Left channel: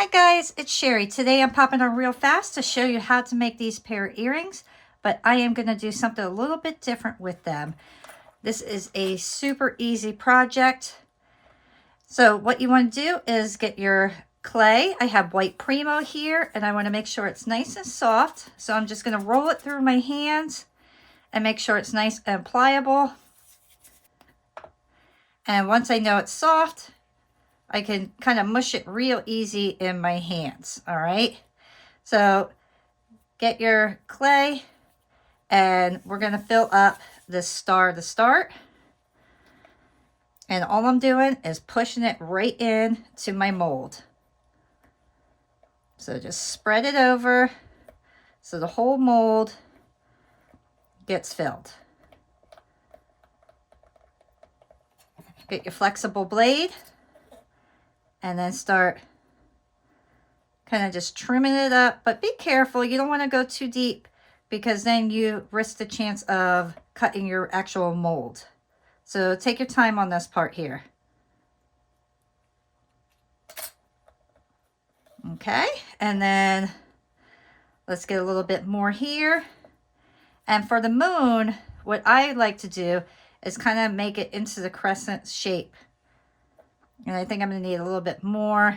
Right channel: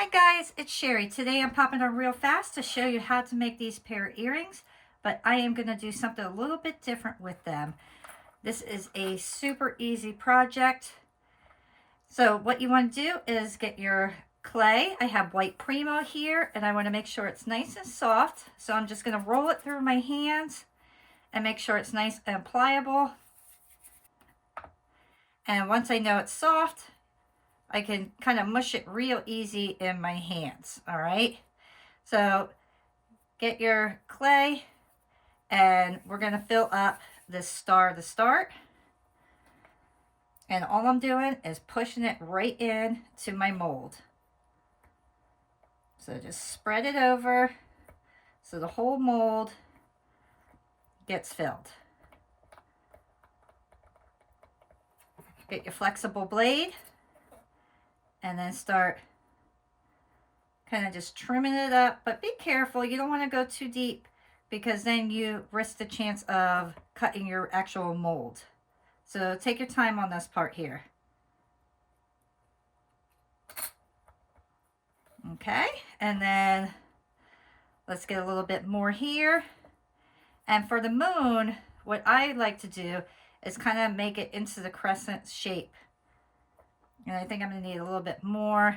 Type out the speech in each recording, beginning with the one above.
Hi guys, it's Sherry. Today I'm popping on real fast to show you how to make these pair of earrings, but I am going to do something a little bit different with them. This is a super easy project. So what you want to do is get your clay. I have white Primo here and I want to make sure it's nice and soft. So I'm just going to roll it through my hands and make sure it's nice and pliable. And once I know it's soft, I can kind of mush it real easy in my hands, all right? So get your clay and we're gonna fill up this star to start. And all I'm doing is pushing it right in to my mold. So just spread it over so the whole mold gets filled. Get your flexible blade and then start kind of just trimming it up, but be careful. You don't want to go too deep because then you risk the chance of cutting your actual mold. So take your time on this part here. Okay, and then let's get a little bit more here. And for the moon, what I like to do is kind of make it into the crescent shape. And I think I'm going to need a little bit more.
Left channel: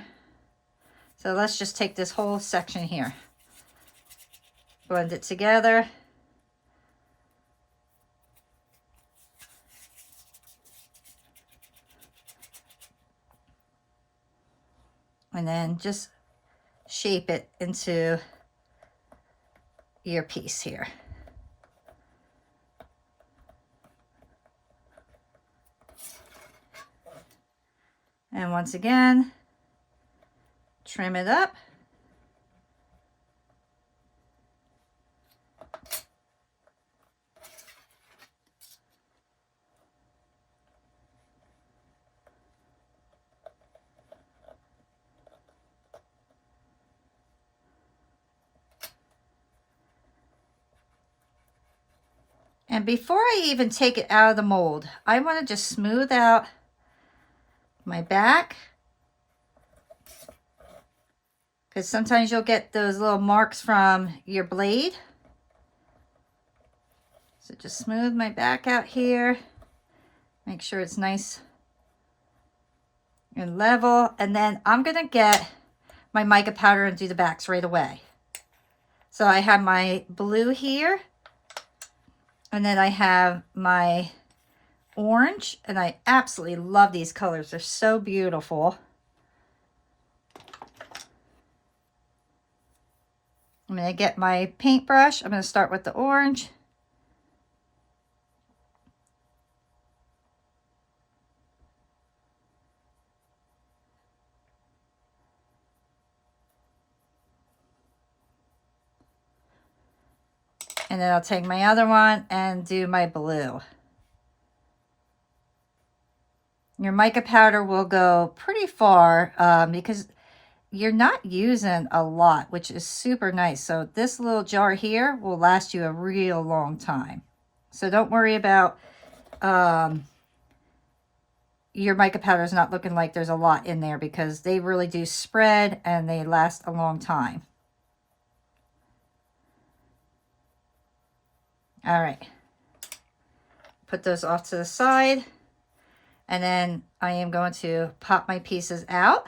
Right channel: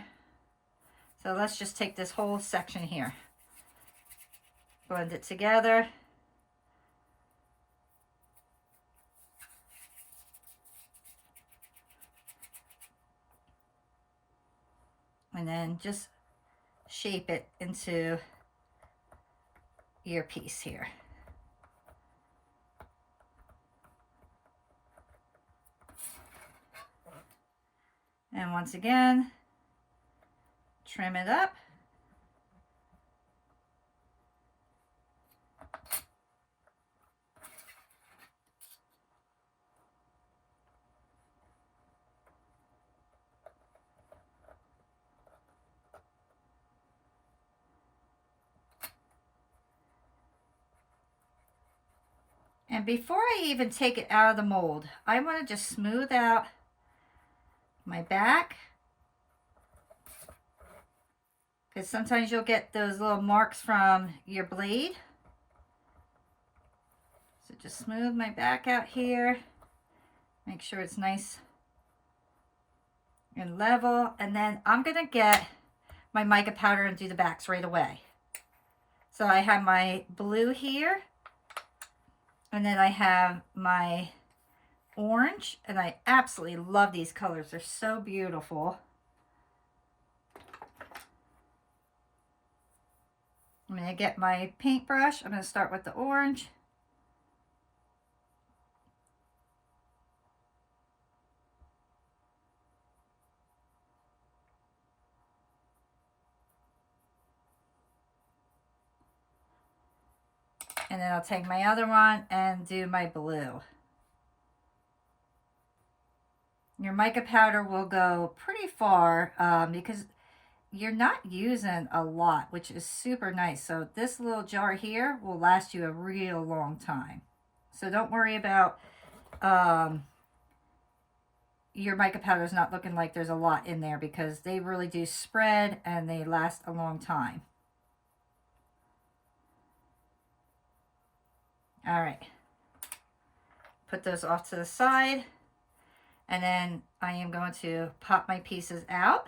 So let's just take this whole section here. Blend it together. And then just shape it into your piece here. And once again, trim it up. And before I even take it out of the mold, I want to just smooth out my back, because sometimes you'll get those little marks from your blade. So just smooth my back out here. Make sure it's nice and level. And then I'm going to get my mica powder and do the backs right away. So I have my blue here. And then I have my orange. And I absolutely love these colors. They're so beautiful. I'm going to get my paintbrush. I'm going to start with the orange. And then I'll take my other one and do my blue. Your mica powder will go pretty far because you're not using a lot, which is super nice. So this little jar here will last you a real long time. So don't worry about your mica powder is not looking like there's a lot in there, because they really do spread and they last a long time. All right, put those off to the side, and then I am going to pop my pieces out.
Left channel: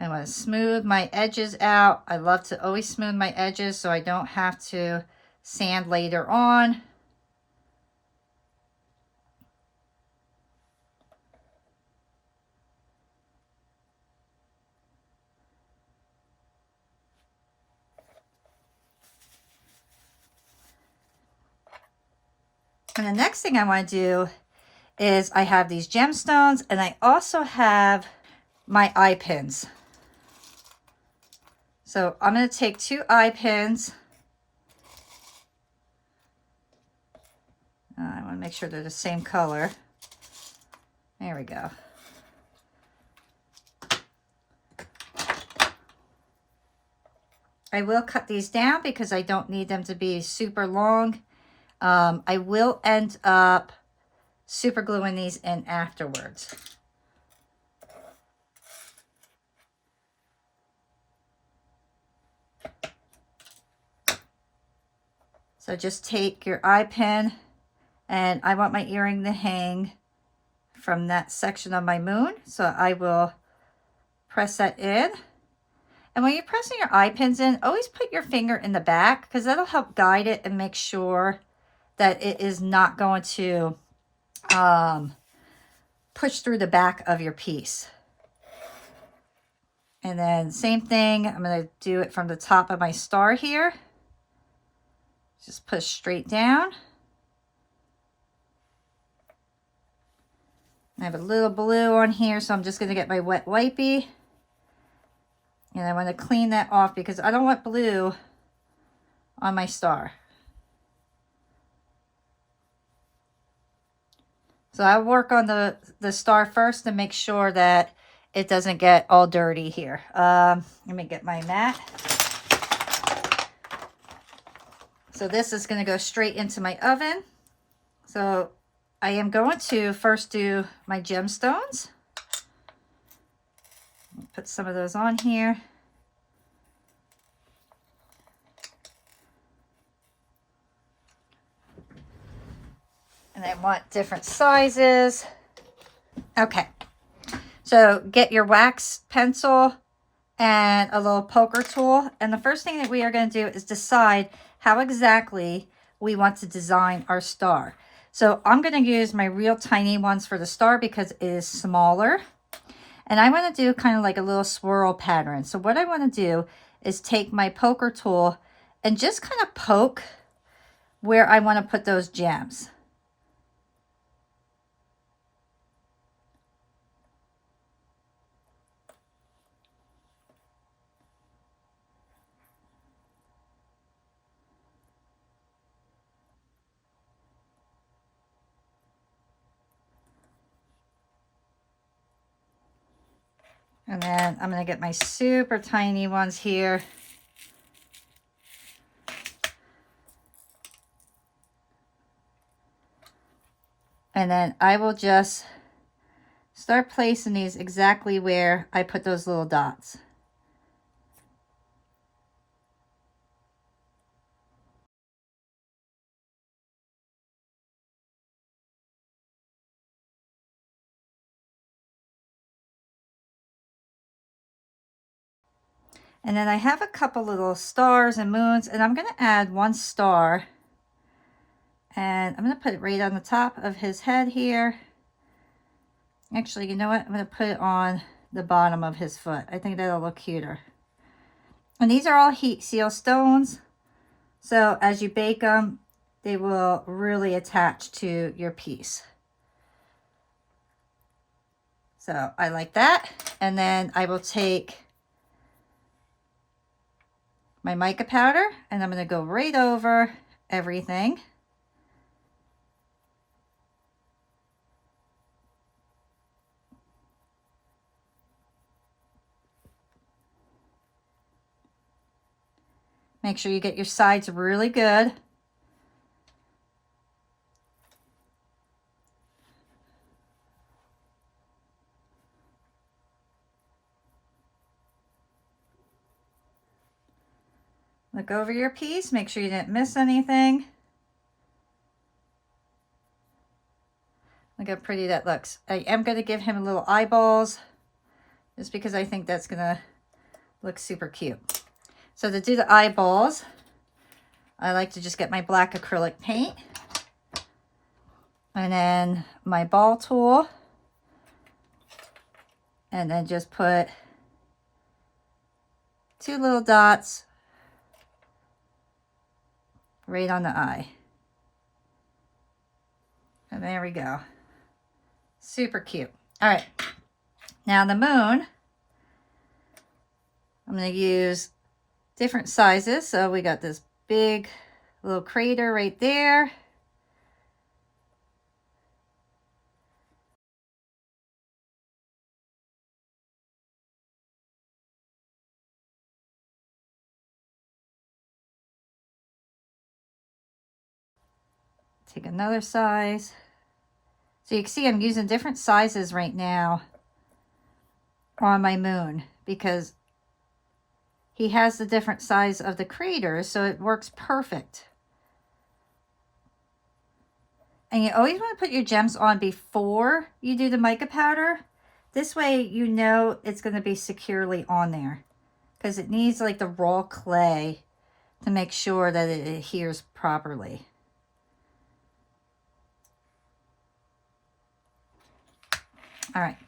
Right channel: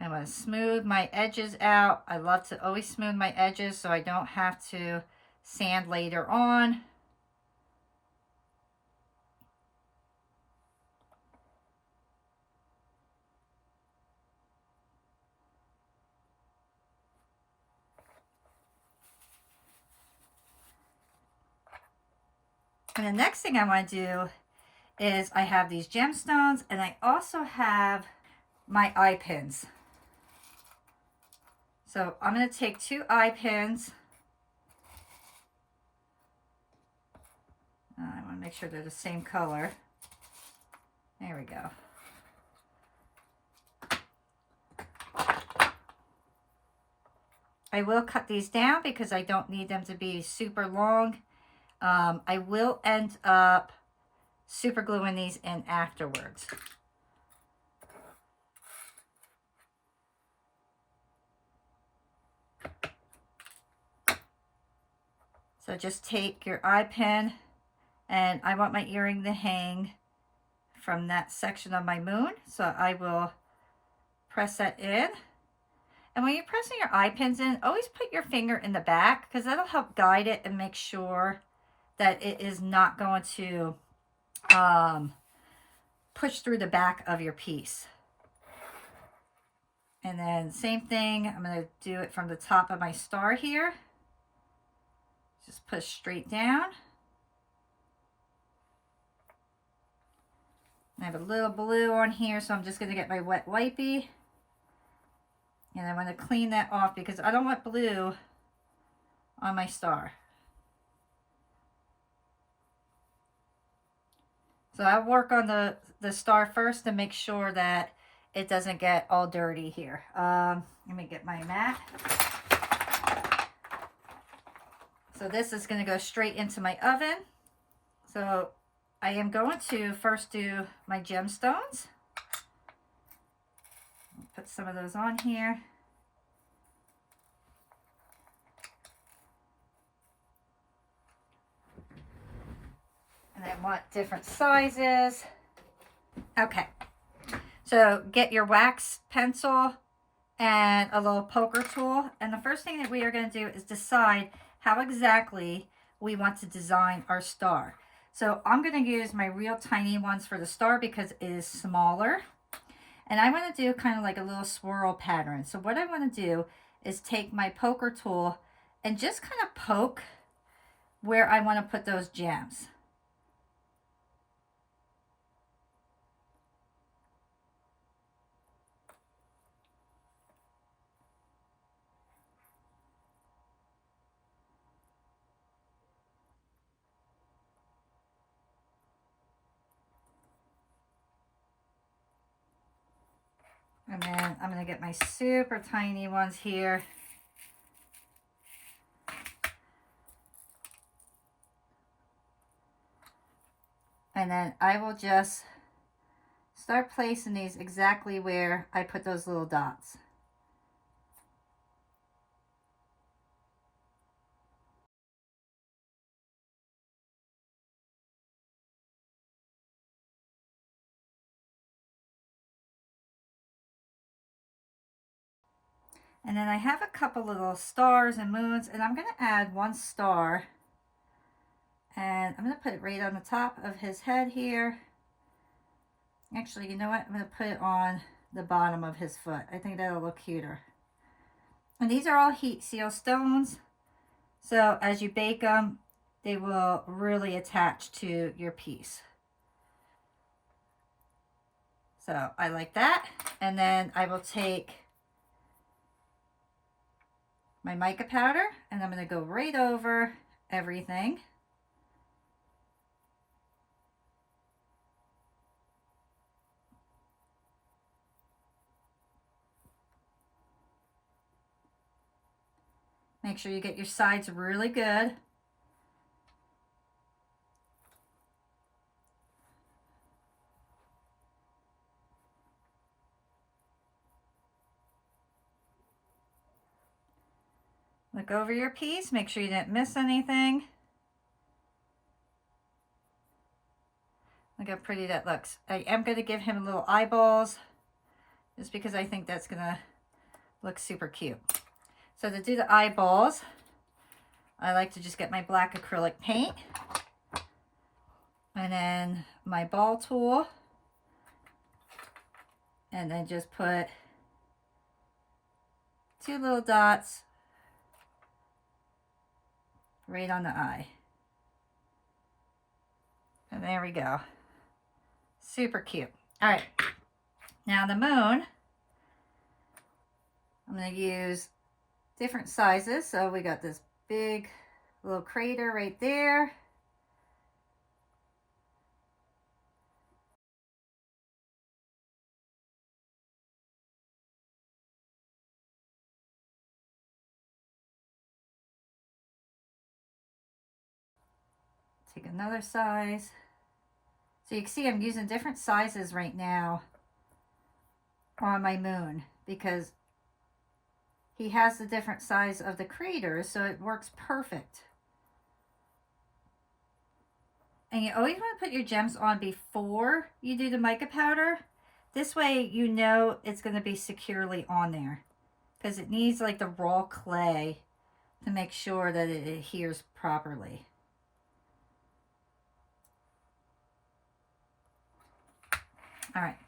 I'm going to smooth my edges out. I love to always smooth my edges so I don't have to sand later on. And the next thing I want to do is I have these gemstones, and I also have my eye pins. So I'm going to take 2 eye pins. I want to make sure they're the same color. There we go. I will cut these down because I don't need them to be super long. I will end up super gluing these in afterwards. So just take your eye pin, and I want my earring to hang from that section of my moon. So I will press that in. And when you're pressing your eye pins in, always put your finger in the back, because that'll help guide it and make sure that it is not going to push through the back of your piece. And then same thing, I'm going to do it from the top of my star here. Just push straight down. I have a little blue on here, so I'm just going to get my wet wipey. And I want to clean that off because I don't want blue on my star. So I'll work on the star first to make sure that it doesn't get all dirty here. Let me get my mat. So this is going to go straight into my oven. So I am going to first do my gemstones. Put some of those on here. And I want different sizes. Okay. So get your wax pencil and a little poker tool. And the first thing that we are going to do is decide how exactly we want to design our star. So I'm going to use my real tiny ones for the star because it is smaller. And I want to do kind of like a little swirl pattern. So what I want to do is take my poker tool and just kind of poke where I want to put those gems. And then I'm going to get my super tiny ones here. And then I will just start placing these exactly where I put those little dots. And then I have a couple little stars and moons, and I'm going to add one star. And I'm going to put it right on the top of his head here. Actually, you know what? I'm going to put it on the bottom of his foot. I think that'll look cuter. And these are all heat seal stones. So as you bake them, they will really attach to your piece. So I like that. And then I will take my mica powder and I'm going to go right over everything. Make sure you get your sides really good. Look over your piece, make sure you didn't miss anything. Look how pretty that looks. I am going to give him little eyeballs just because I think that's going to look super cute. So to do the eyeballs, I like to just get my black acrylic paint and then my ball tool, and then just put 2 little dots right on the eye. And there we go. Super cute. All right. Now the moon, I'm going to use different sizes. So we got this big little crater right there. Take another size. So you can see I'm using different sizes right now on my moon because he has the different size of the craters, so it works perfect. And you always want to put your gems on before you do the mica powder. This way you know it's going to be securely on there, because it needs like the raw clay to make sure that it adheres properly. All right.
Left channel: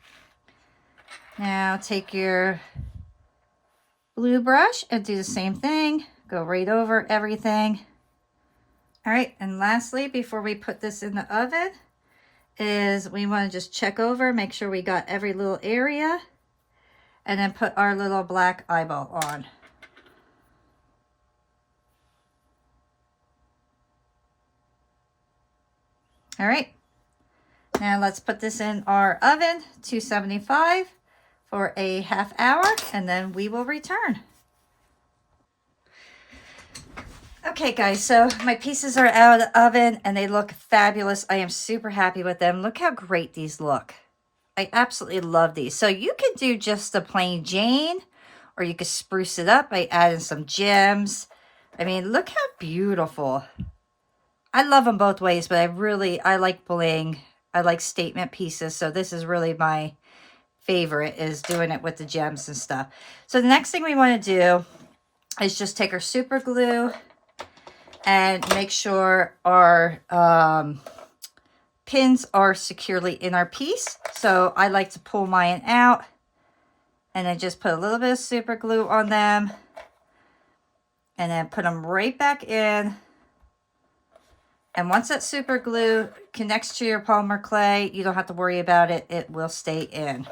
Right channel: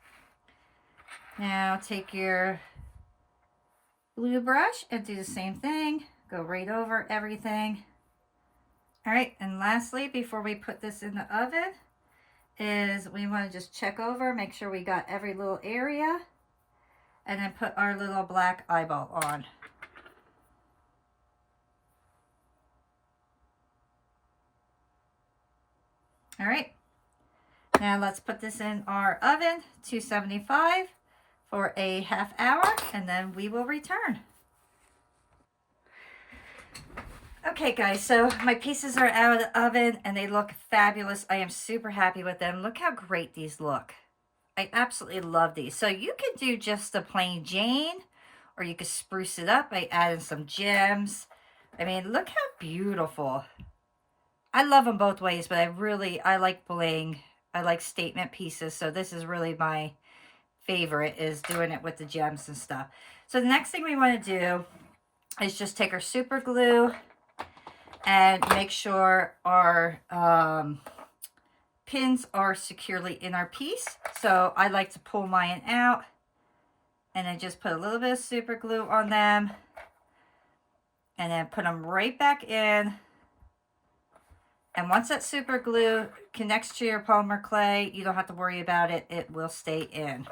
Now take your blue brush and do the same thing. Go right over everything. All right, and lastly, before we put this in the oven, is we want to just check over, make sure we got every little area, and then put our little black eyeball on. All right, now let's put this in our oven, 275 for a half hour, and then we will return. Okay guys, so my pieces are out of the oven and they look fabulous. I am super happy with them. Look how great these look. I absolutely love these. So you can do just a plain Jane, or you could spruce it up by adding some gems. I mean, look how beautiful. I love them both ways, but I like bling. I like statement pieces. So this is really my favorite, is doing it with the gems and stuff. So the next thing we want to do is just take our super glue and make sure our pins are securely in our piece. So I like to pull mine out and then just put a little bit of super glue on them and then put them right back in. And once that super glue connects to your polymer clay, you don't have to worry about it. It will stay in.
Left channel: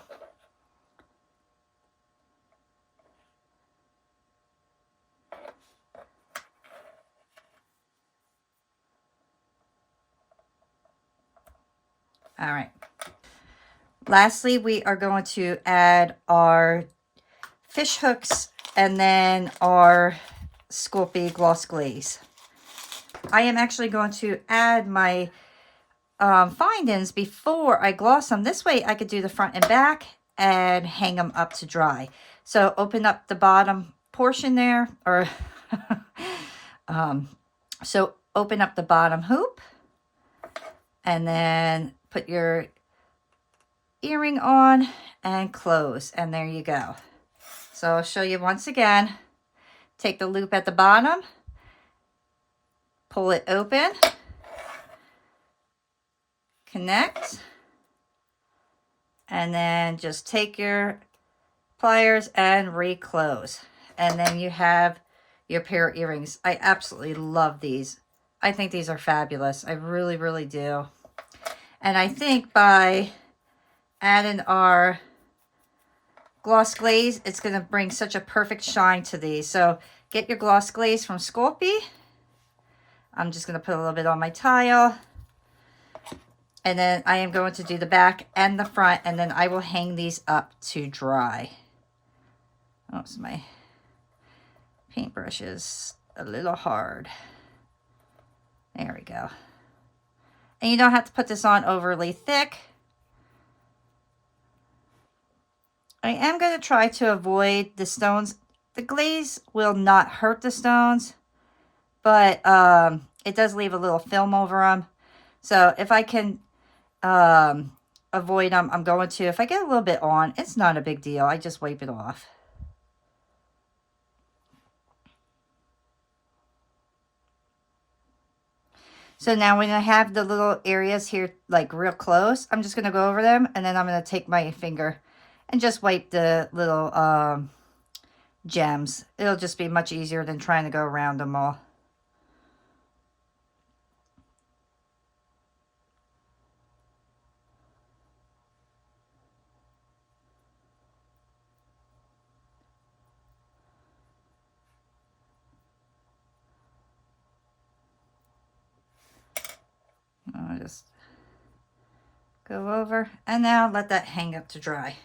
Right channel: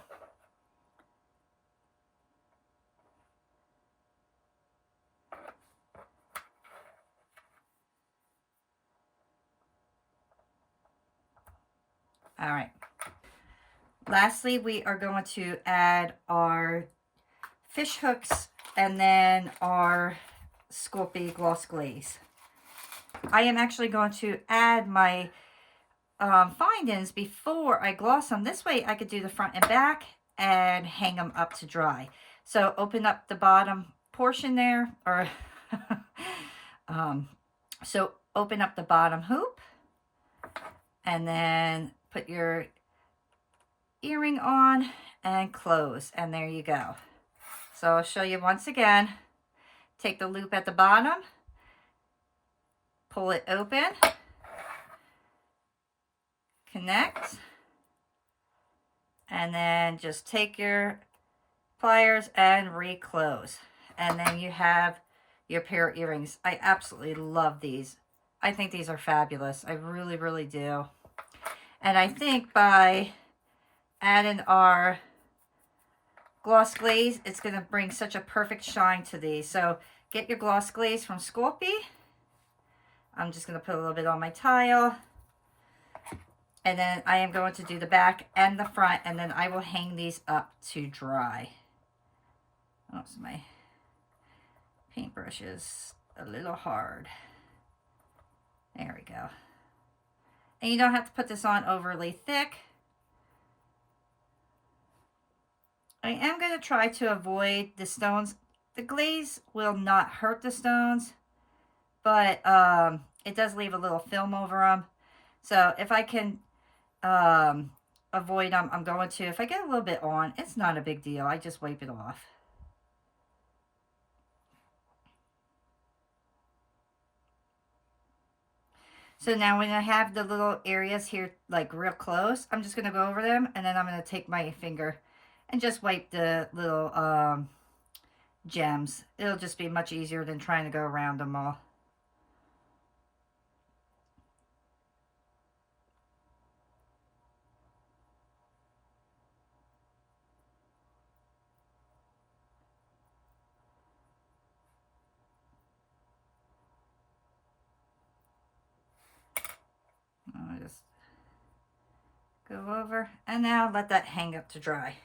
All right. Lastly, we are going to add our fish hooks and then our Sculpey gloss glaze. I am actually going to add my findings before I gloss them. This way I could do the front and back and hang them up to dry. So open up the bottom portion there, or so open up the bottom hoop and then put your earring on and close, and there you go. So I'll show you once again. Take the loop at the bottom, pull it open, connect, and then just take your pliers and reclose, and then you have your pair of earrings. I absolutely love these. I think these are fabulous. I really, really do. And I think by adding our gloss glaze, it's going to bring such a perfect shine to these. So get your gloss glaze from Sculpey. I'm just going to put a little bit on my tile. And then I am going to do the back and the front, and then I will hang these up to dry. Oh, so my paintbrush is a little hard. There we go. And you don't have to put this on overly thick. I am going to try to avoid the stones. The glaze will not hurt the stones, but it does leave a little film over them. So if I can avoid them, I'm going to. If I get a little bit on, it's not a big deal. I just wipe it off. So now when I have the little areas here like real close, I'm just going to go over them, and then I'm going to take my finger and just wipe the little gems. It'll just be much easier than trying to go around them all. I'll just go over, and now let that hang up to dry.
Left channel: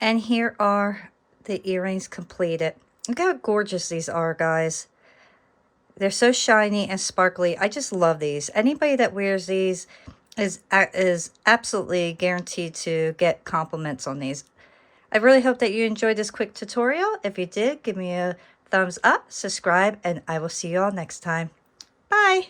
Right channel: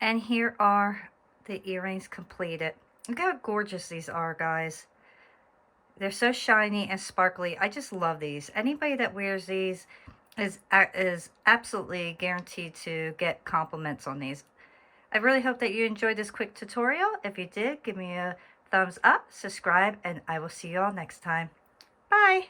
And here are the earrings completed. Look how gorgeous these are, guys. They're so shiny and sparkly. I just love these. Anybody that wears these is absolutely guaranteed to get compliments on these. I really hope that you enjoyed this quick tutorial. If you did, give me a thumbs up, subscribe, and I will see you all next time. Bye!